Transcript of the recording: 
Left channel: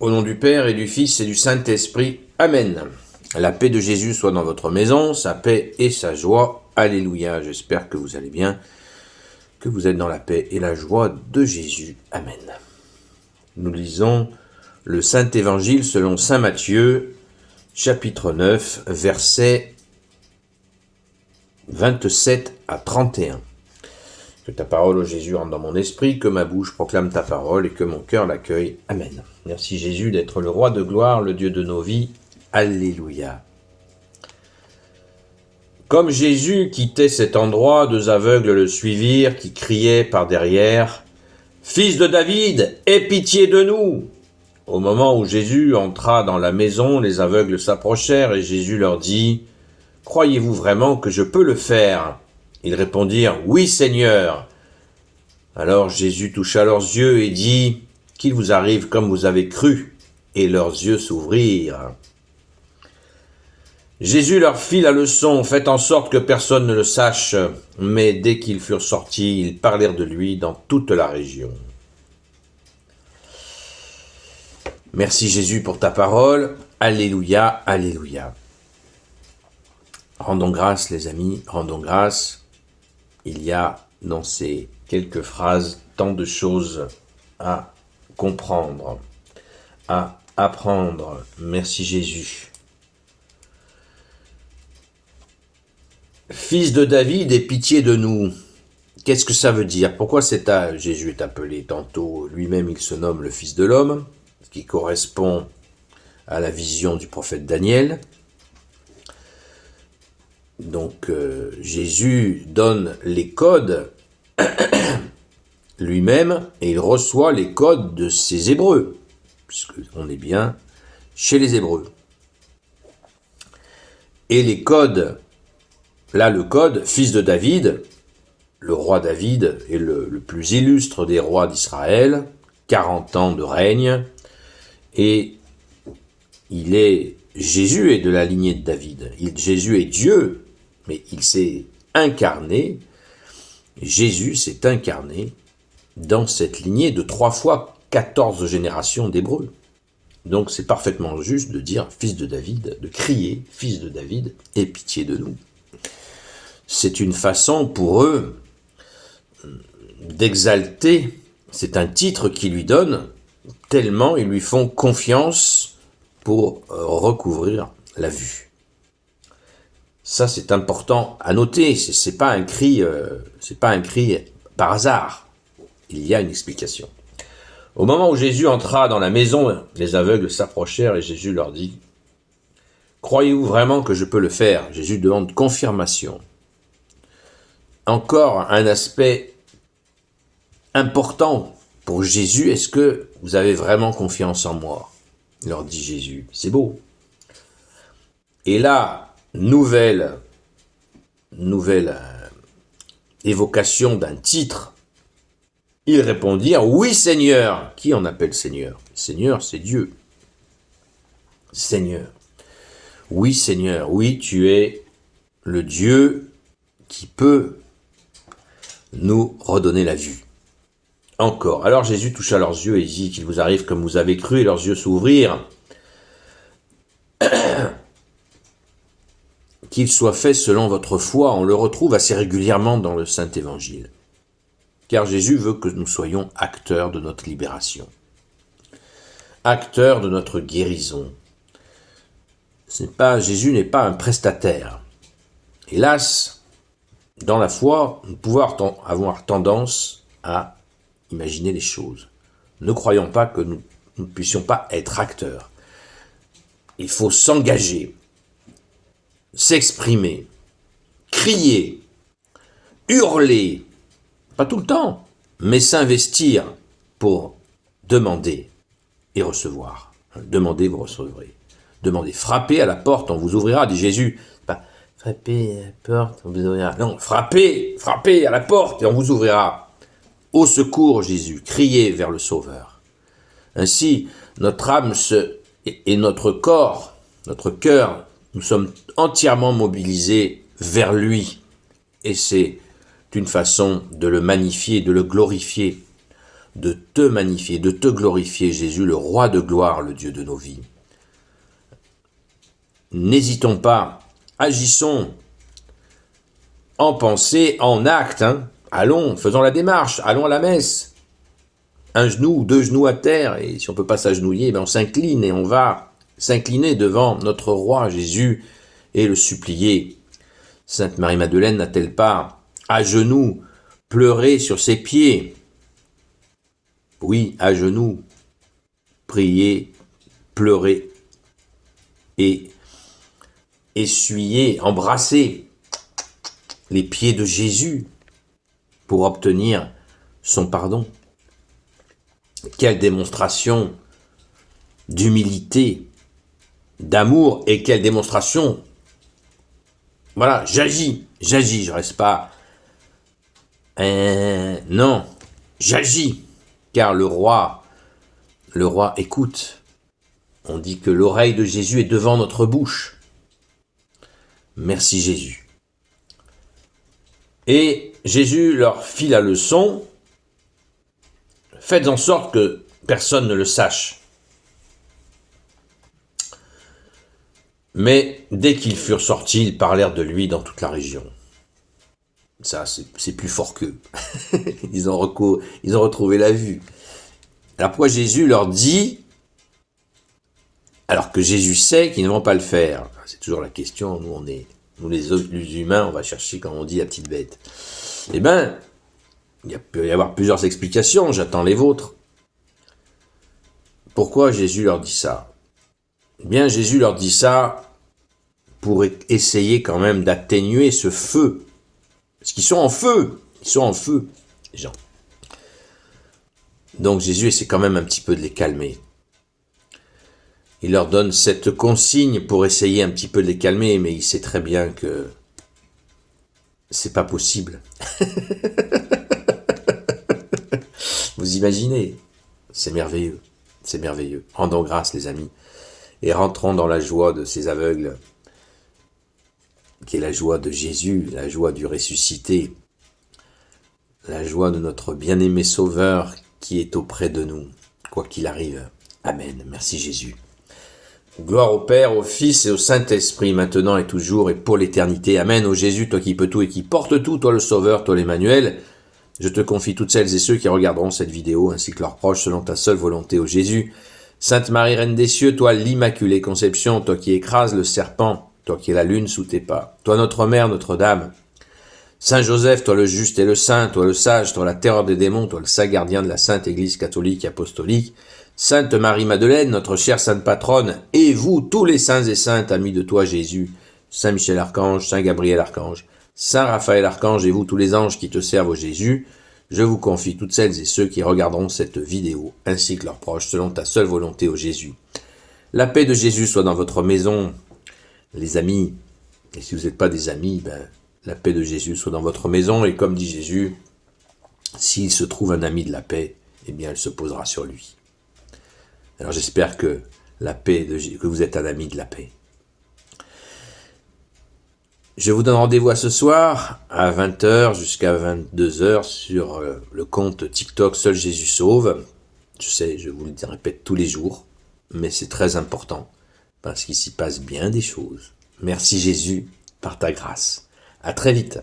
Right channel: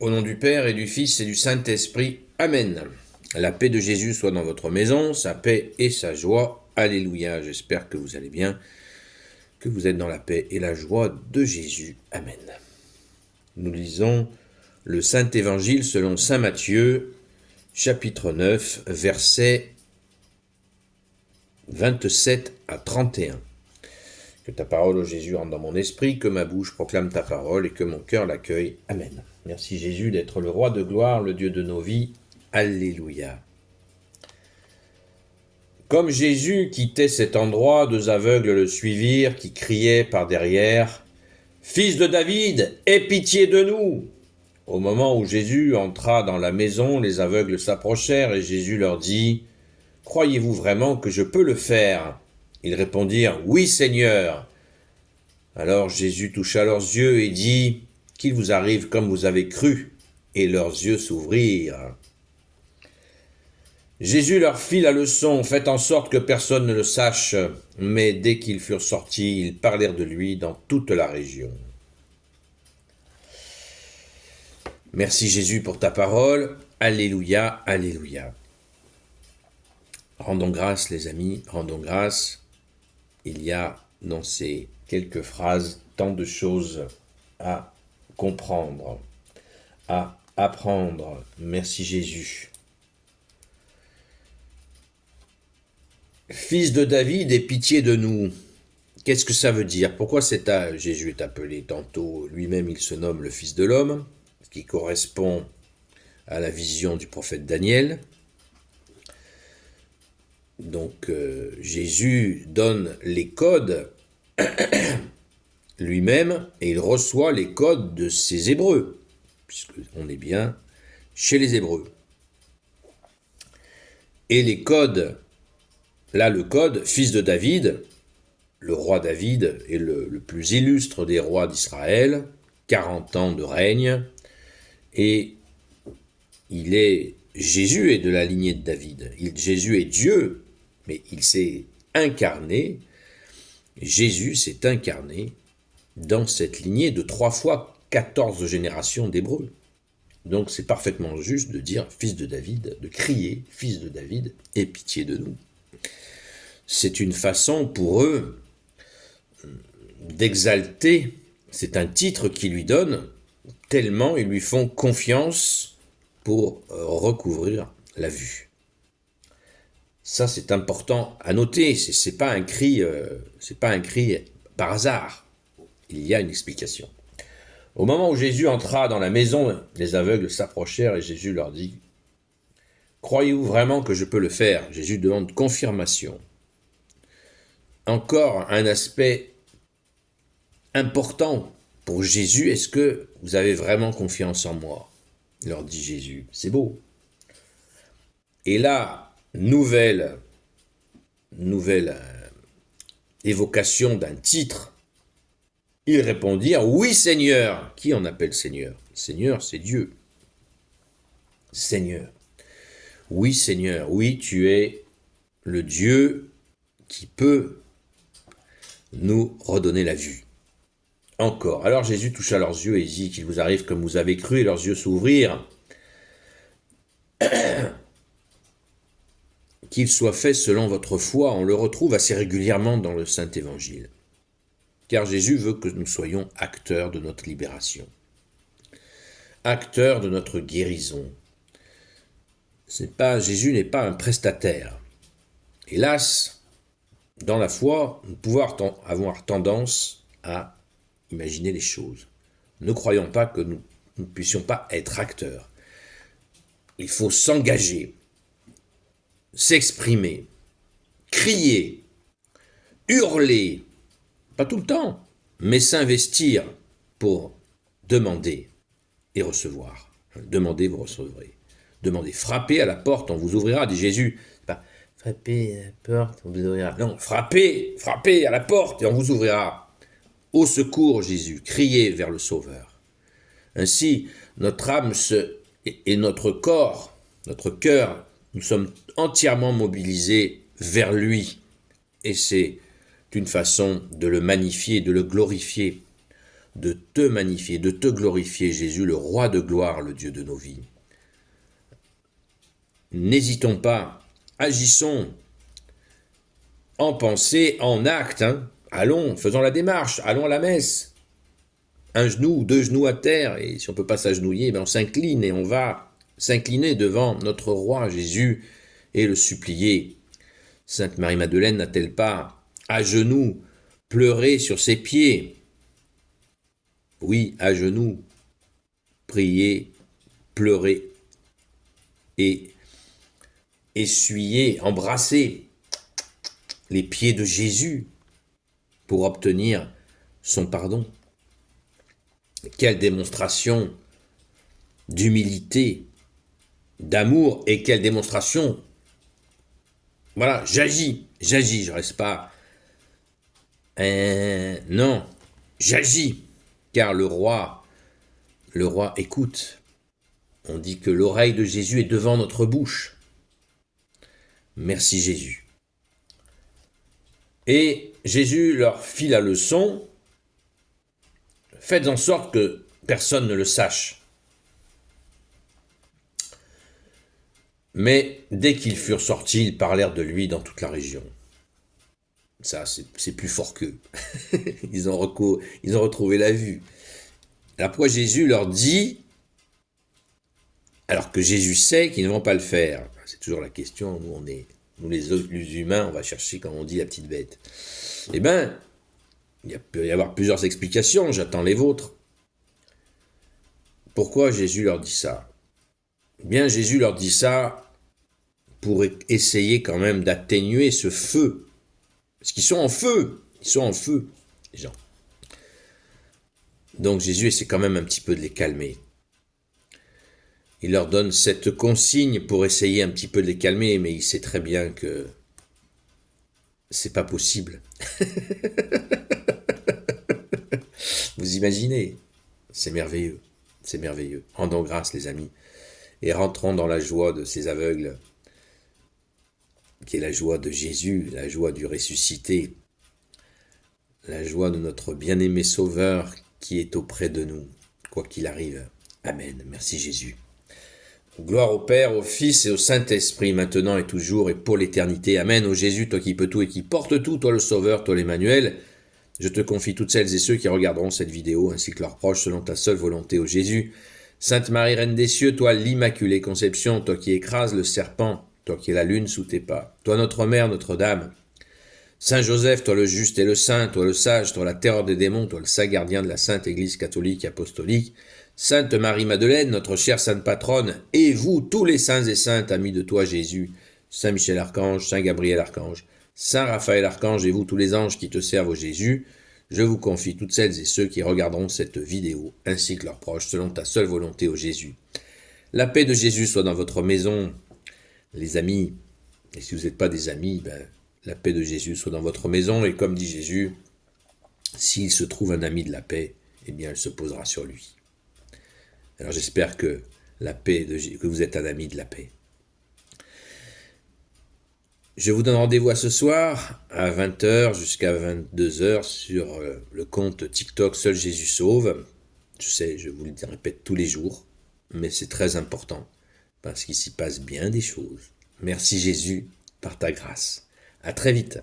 Au nom du Père et du Fils et du Saint-Esprit. Amen. La paix de Jésus soit dans votre maison, sa paix et sa joie. Alléluia. J'espère que vous allez bien, que vous êtes dans la paix et la joie de Jésus. Amen. Nous lisons le Saint-Évangile selon saint Matthieu, chapitre 9, versets 27 à 31. Que ta parole, ô Jésus, rentre dans mon esprit, que ma bouche proclame ta parole et que mon cœur l'accueille. Amen. Merci Jésus d'être le roi de gloire, le Dieu de nos vies. Alléluia. Comme Jésus quittait cet endroit, deux aveugles le suivirent, qui criaient par derrière « Fils de David, aie pitié de nous !» Au moment où Jésus entra dans la maison, les aveugles s'approchèrent et Jésus leur dit « Croyez-vous vraiment que je peux le faire ?» Ils répondirent « Oui, Seigneur !» Alors Jésus toucha leurs yeux et dit « Qu'il vous arrive comme vous avez cru !» Et leurs yeux s'ouvrirent. Jésus leur fit la leçon « Faites en sorte que personne ne le sache !» Mais dès qu'ils furent sortis, ils parlèrent de lui dans toute la région. Merci Jésus pour ta parole. Alléluia, alléluia. Rendons grâce les amis, rendons grâce. Il y a dans ces quelques phrases tant de choses à comprendre, à apprendre. Merci Jésus. Fils de David, aie pitié de nous. Qu'est-ce que ça veut dire? Pourquoi Jésus est appelé tantôt, lui-même il se nomme le Fils de l'homme, ce qui correspond à la vision du prophète Daniel. Donc Jésus donne les codes lui-même et il reçoit les codes de ses Hébreux, puisqu'on est bien chez les Hébreux. Et les codes, là le code, fils de David, le roi David est le plus illustre des rois d'Israël, 40 ans de règne, et Jésus est de la lignée de David. Jésus est Dieu, mais il s'est incarné, Jésus s'est incarné dans cette lignée de 3 fois 14 générations d'Hébreux. Donc c'est parfaitement juste de dire fils de David, de crier fils de David, aie pitié de nous. C'est une façon pour eux d'exalter, c'est un titre qu'ils lui donnent, tellement ils lui font confiance pour recouvrir la vue. Ça, c'est important à noter. C'est pas un cri par hasard. Il y a une explication. Au moment où Jésus entra dans la maison, les aveugles s'approchèrent et Jésus leur dit « Croyez-vous vraiment que je peux le faire ?» Jésus demande confirmation. Encore un aspect important pour Jésus. Est-ce que vous avez vraiment confiance en moi? Leur dit Jésus. C'est beau. Et là, nouvelle évocation d'un titre, ils répondirent « Oui, Seigneur !» Qui en appelle Seigneur? Seigneur, c'est Dieu. Seigneur. Oui, Seigneur, oui, tu es le Dieu qui peut nous redonner la vue. Encore. Alors Jésus toucha leurs yeux et dit « Qu'il vous arrive comme vous avez cru » et leurs yeux s'ouvrirent. Qu'il soit fait selon votre foi, on le retrouve assez régulièrement dans le Saint-Évangile. Car Jésus veut que nous soyons acteurs de notre libération, acteurs de notre guérison. Jésus n'est pas un prestataire. Hélas, dans la foi, nous pouvons avoir tendance à imaginer les choses. Ne croyons pas que nous ne puissions pas être acteurs. Il faut s'engager, s'exprimer, crier, hurler, pas tout le temps, mais s'investir pour demander et recevoir. Demandez, vous recevrez. Demandez, frappez à la porte, on vous ouvrira, dit Jésus. Pas frappez à la porte, on vous ouvrira. Non, frappez à la porte et on vous ouvrira. Au secours, Jésus, criez vers le Sauveur. Ainsi, notre âme et notre corps, notre cœur, nous sommes entièrement mobilisés vers lui. Et c'est une façon de le magnifier, de le glorifier, de te magnifier, de te glorifier, Jésus, le roi de gloire, le Dieu de nos vies. N'hésitons pas, agissons en pensée, en acte. Allons, faisons la démarche, allons à la messe. Un genou, deux genoux à terre, et si on ne peut pas s'agenouiller, on s'incline et on va s'incliner devant notre roi Jésus et le supplier. Sainte Marie-Madeleine n'a-t-elle pas, à genoux, pleuré sur ses pieds? Oui, à genoux, prier, pleurer et essuyer, embrasser les pieds de Jésus pour obtenir son pardon. Quelle démonstration d'humilité, d'amour, et quelle démonstration, voilà, j'agis, je reste pas, non, j'agis, car le roi écoute. On dit que l'oreille de Jésus est devant notre bouche. Merci Jésus. Et Jésus leur fit la leçon, faites en sorte que personne ne le sache. Mais dès qu'ils furent sortis, ils parlèrent de lui dans toute la région. Ça, c'est plus fort qu'eux. Ils ont retrouvé la vue. Alors pourquoi Jésus leur dit, alors que Jésus sait qu'ils ne vont pas le faire? C'est toujours la question, nous les humains, on va chercher, comme on dit, la petite bête. Eh bien, il peut y avoir plusieurs explications, j'attends les vôtres. Pourquoi Jésus leur dit ça? Eh bien, Jésus leur dit ça pour essayer quand même d'atténuer ce feu. Parce qu'ils sont en feu, les gens. Donc Jésus essaie quand même un petit peu de les calmer. Il leur donne cette consigne pour essayer un petit peu de les calmer, mais il sait très bien que c'est pas possible. Vous imaginez? C'est merveilleux, c'est merveilleux. Rendons grâce, les amis, et rentrons dans la joie de ces aveugles, qui est la joie de Jésus, la joie du ressuscité, la joie de notre bien-aimé Sauveur qui est auprès de nous, quoi qu'il arrive. Amen. Merci Jésus. Gloire au Père, au Fils et au Saint-Esprit, maintenant et toujours et pour l'éternité. Amen. Ô Jésus, toi qui peux tout et qui portes tout, toi le Sauveur, toi l'Emmanuel, je te confie toutes celles et ceux qui regarderont cette vidéo, ainsi que leurs proches, selon ta seule volonté, ô Jésus. Sainte Marie, Reine des cieux, toi l'Immaculée Conception, toi qui écrases le serpent, toi qui es la lune sous tes pas, toi notre Mère, Notre-Dame. Saint Joseph, toi le juste et le saint, toi le sage, toi la terreur des démons, toi le saint gardien de la Sainte Église catholique et apostolique. Sainte Marie-Madeleine, notre chère sainte patronne, et vous, tous les saints et saintes, amis de toi, Jésus, Saint Michel Archange, Saint Gabriel Archange, Saint Raphaël Archange, et vous, tous les anges qui te servent, au Jésus, je vous confie toutes celles et ceux qui regarderont cette vidéo, ainsi que leurs proches, selon ta seule volonté, au Jésus. La paix de Jésus soit dans votre maison, les amis, et si vous n'êtes pas des amis, la paix de Jésus soit dans votre maison, et comme dit Jésus, s'il se trouve un ami de la paix, eh bien, elle se posera sur lui. Alors j'espère que que vous êtes un ami de la paix. Je vous donne rendez-vous à ce soir à 20h jusqu'à 22h sur le compte TikTok Seul Jésus Sauve. Je sais, je vous le répète tous les jours, mais c'est très important parce qu'il s'y passe bien des choses. Merci Jésus par ta grâce. À très vite.